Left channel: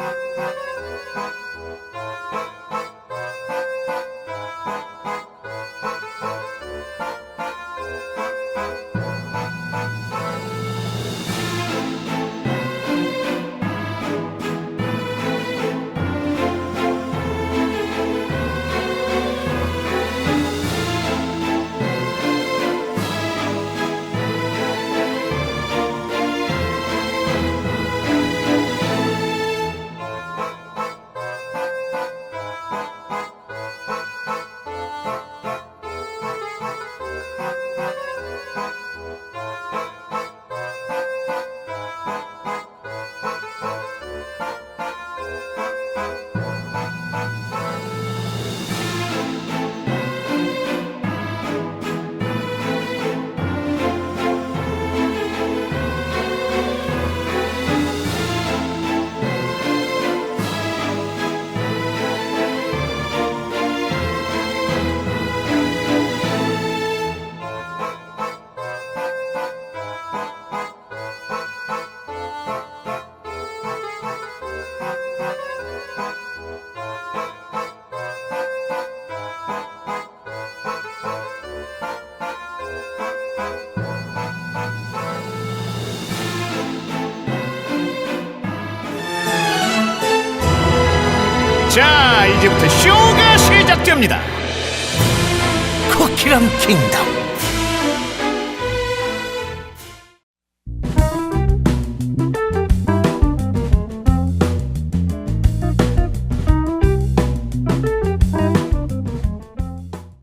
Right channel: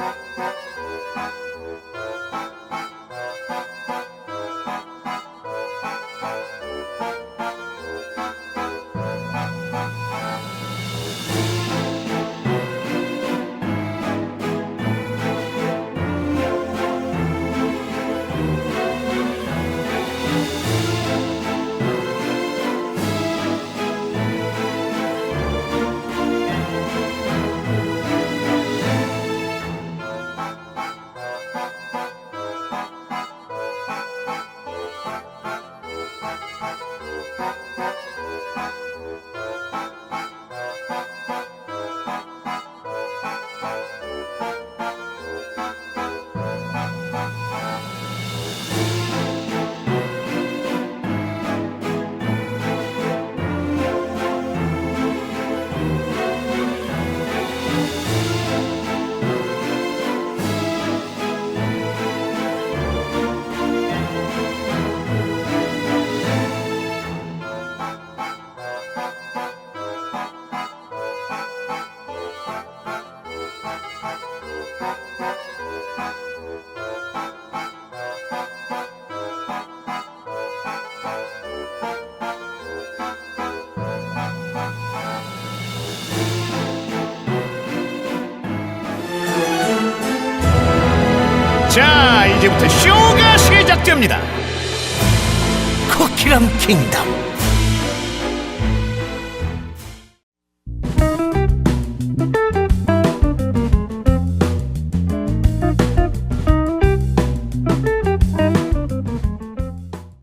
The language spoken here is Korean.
Thank you. 자, 이제부터 쇼가 시작됩니다. 쿠키람 킹덤.